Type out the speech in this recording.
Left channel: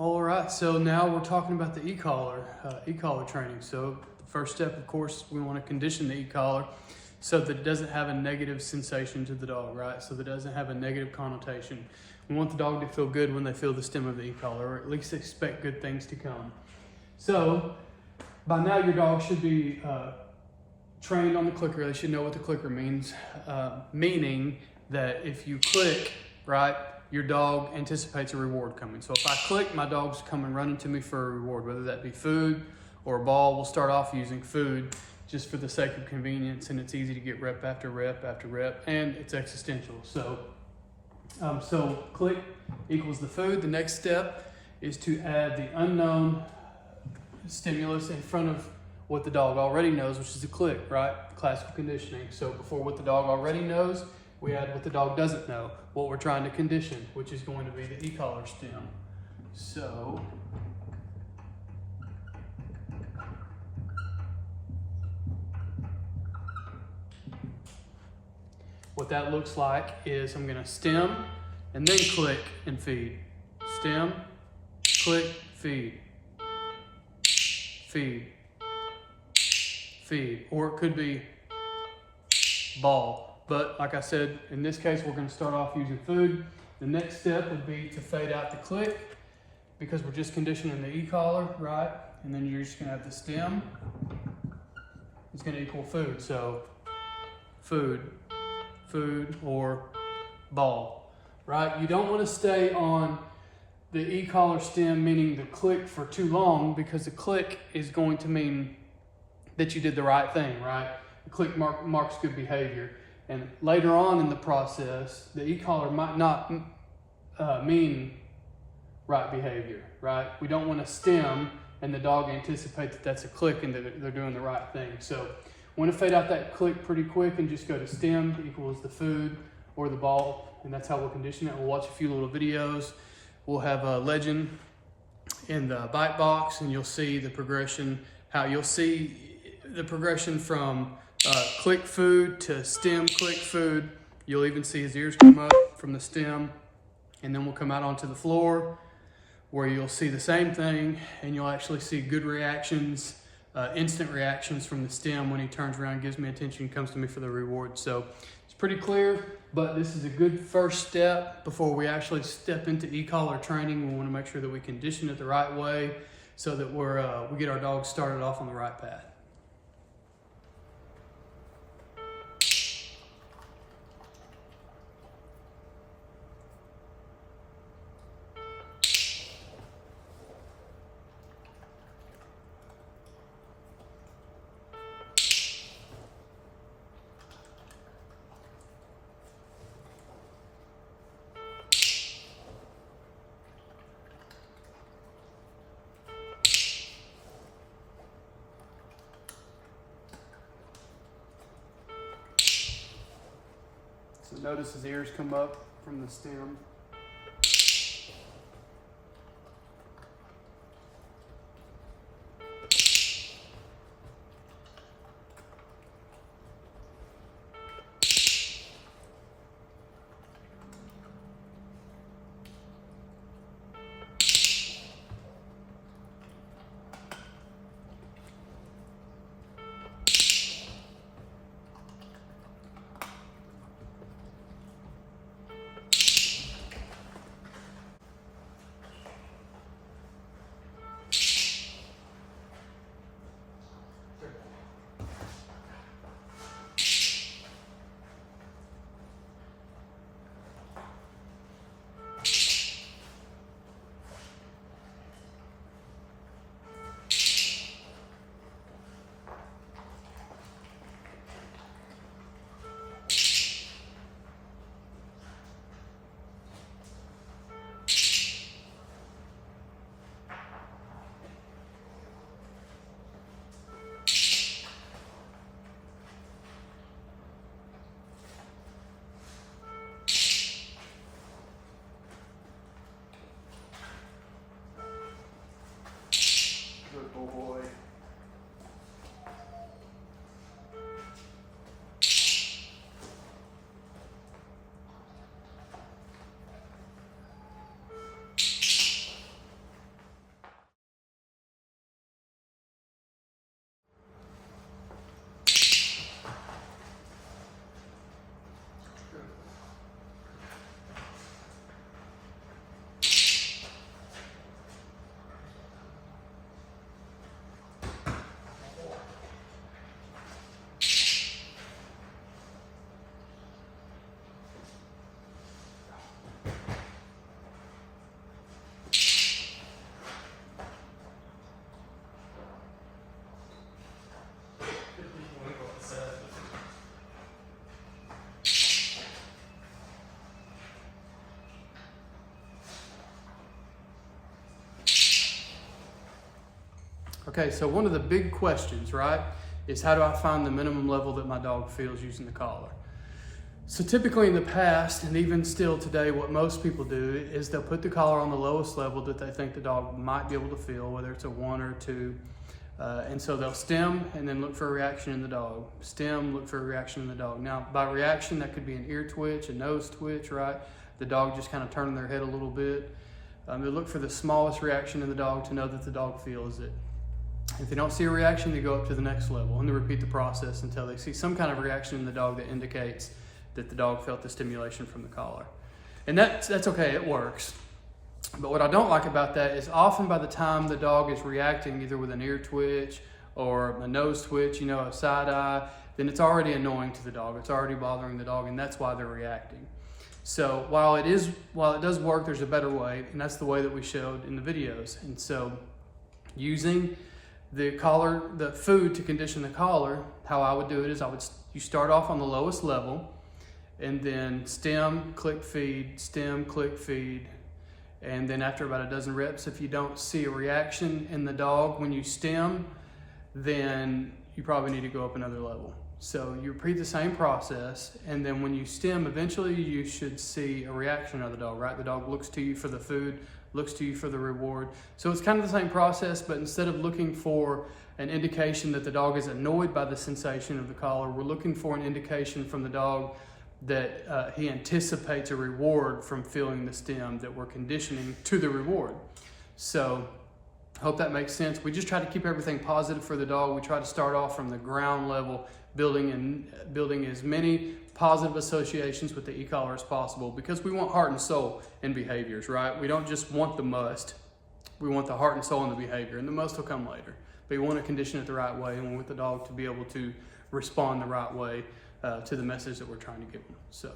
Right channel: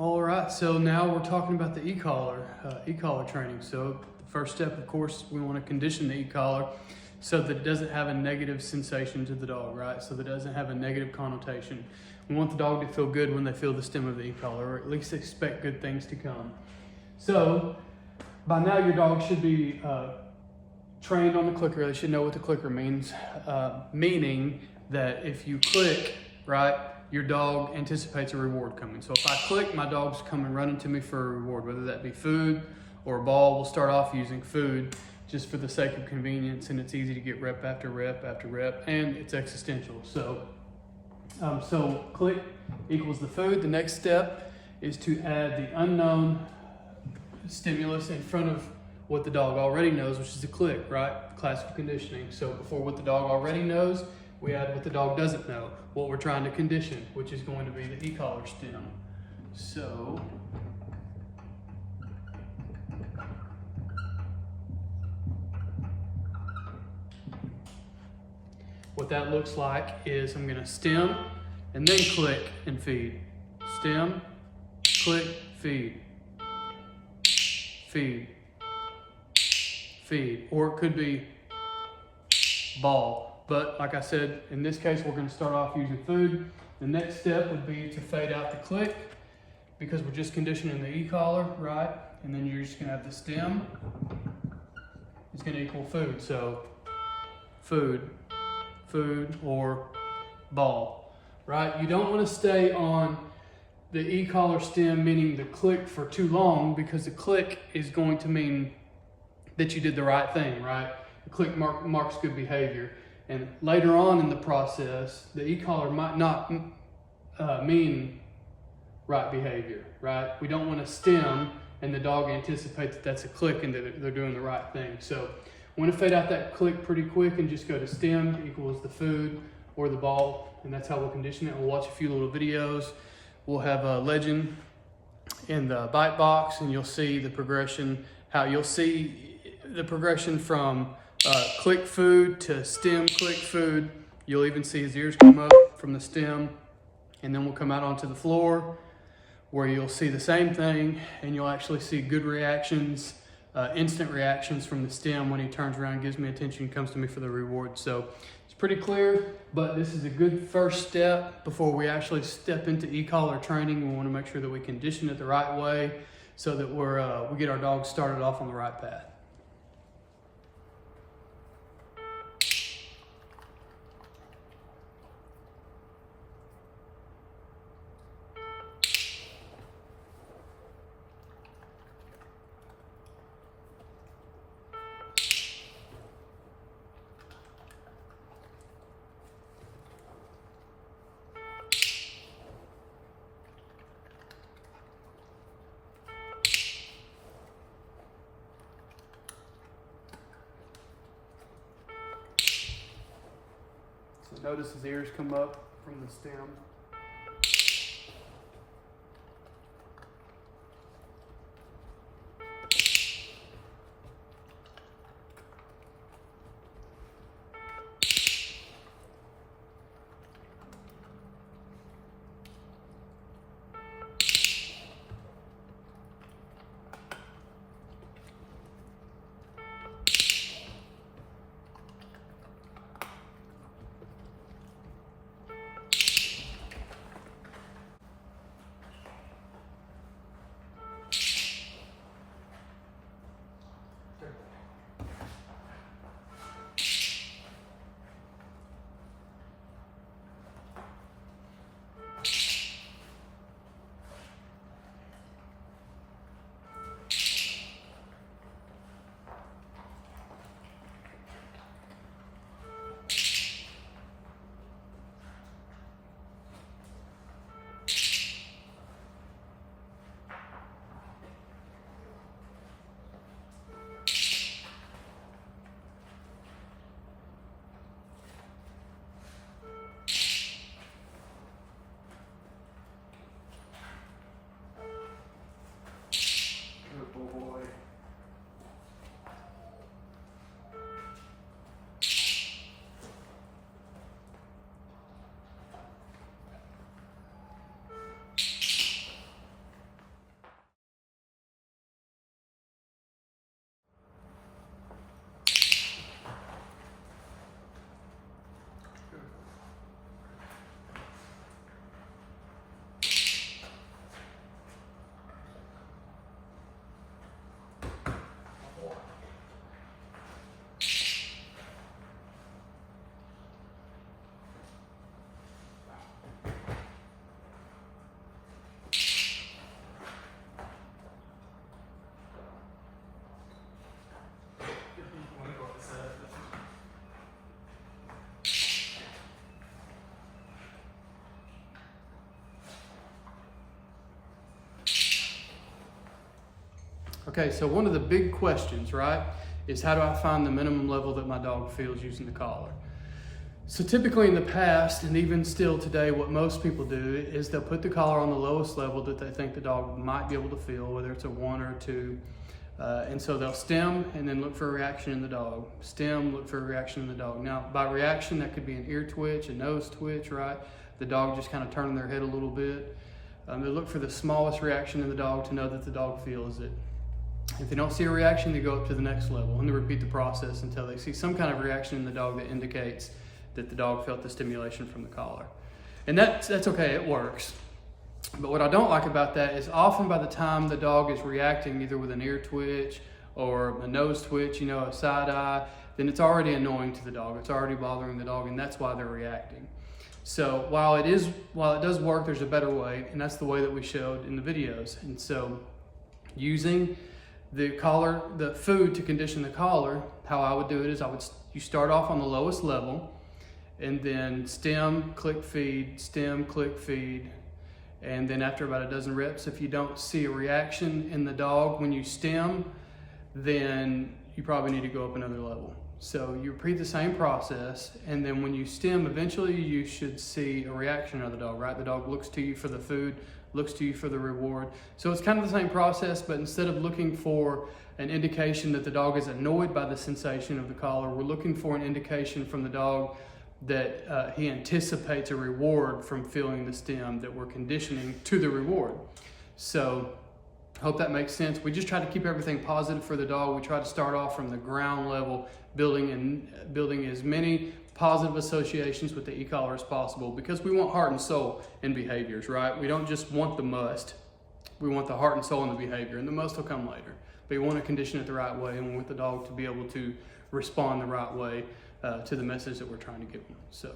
All right, so now we're talking about the e-collar training. So the first step, of course, we want to condition the e-collar so that it doesn't have a negative sensation to the dog, right? So that it doesn't have a negative connotation. We want the dog to feel good when they feel the stem of the e-collar, or at least expect good things to come. So by now your dog should be trained on the clicker. They should know what the clicker means, meaning that if you click, right, your dog anticipates a reward coming. So if I click, my dog's coming running to me for a reward, whether that be food or a ball. We'll start off using food just for the sake of convenience, and it's easy to get rep after rep after rep, and it's existential. So click equals the food. The next step is to add the unknown stimulus in front of what the dog already knows, which is a click, right? Classical conditioning. So before what the dog already knows, we add what the dog doesn't know, what we're trying to condition, which is going to be the e-collar stem. So what that looks like is I'm gonna stem and then click and feed. Stem, click, feed. Feed. Feed. Or it could be ball. But like I said, in this case, we're going to start off using food. The next step would be to fade out the click because we're just conditioning the e-collar, right? And then you're just going to have the stem. It's going to equal food. So food, food, or ball, right? You don't want to stay on the e-collar stem, meaning the click, for too long, because the click is going to mean that you did the right thing, right? The click marks good behavior. And later on in the process, the e-collar might not mean right behavior, right? We don't want to stem and the dog anticipates that that's a click and that they're doing the right thing. So we want to fade out that click pretty quick and just go to stem equals the food or the ball. And that's how we'll condition it. We'll watch a few little videos. We'll have a legend in the bite box and you'll see the progression, from click food to stem click food. You'll even see his ears come up from the stem, and then we'll come out onto the floor where you'll see the same thing, and you'll actually see good reactions, instant reactions from the stem when he turns around, gives me attention, comes to me for the reward. So it's pretty clear, but this is a good first step before we actually step into e-collar training. We want to make sure that we condition it the right way so that we get our dogs started off on the right path. So notice his ears come up from the stem. Okay, so one of the big questions, right, is how do I find the minimum level that my dog feels using the collar? So typically in the past, and even still today, what most people do is they'll put the collar on the lowest level that they think the dog might be able to feel, whether it's a 1 or 2. And so they'll stim and then look for a reaction in the dog. Stim, look for a reaction in the dog. Now, by reaction, that could be an ear twitch, a nose twitch, right? The dog just kind of turning their head a little bit. They look for the smallest reaction in the dog to know that the dog feels it. If they don't see a reaction, they go up to the next level and they repeat the process until they see some kind of reaction in the dog that indicates that the dog felt the stimulation from the collar. And that's okay, it works. But what I don't like about that is often by the time the dog is reacting either with an ear twitch or a nose twitch, a side eye, then it's already annoying to the dog. It's already bothering the dog, and that's why they're reacting. So while it does work, there's a better way, and that's the way that we showed in the videos. And so using the collar, the food to condition the collar, how I would do it is you start off on the lowest level, and then stim, click, feed, stim, click, feed. And then after about a dozen reps, if you don't see a reaction in the dog when you stim, then you probably need to go up another level. So you repeat the same process, and then when you stim, eventually you should see a reaction of the dog, right? The dog looks to you for the food, looks to you for the reward. So it's kind of the same process, but instead of looking for an indication that the dog is annoyed by the sensation of the collar, we're looking for an indication from the dog that he anticipates a reward from feeling the stim, that we're conditioning to the reward. So I hope that makes sense. We just try to keep everything positive for the dog. We try to start off from the ground level, building as many positive associations with the e-collar as possible, because we want heart and soul in behaviors, right? We don't just want the must. We want the heart and soul in the behavior, and the must will come later. But we want to condition it the right way, and we want the dog to be able to respond the right way to the message that we're trying to give them. So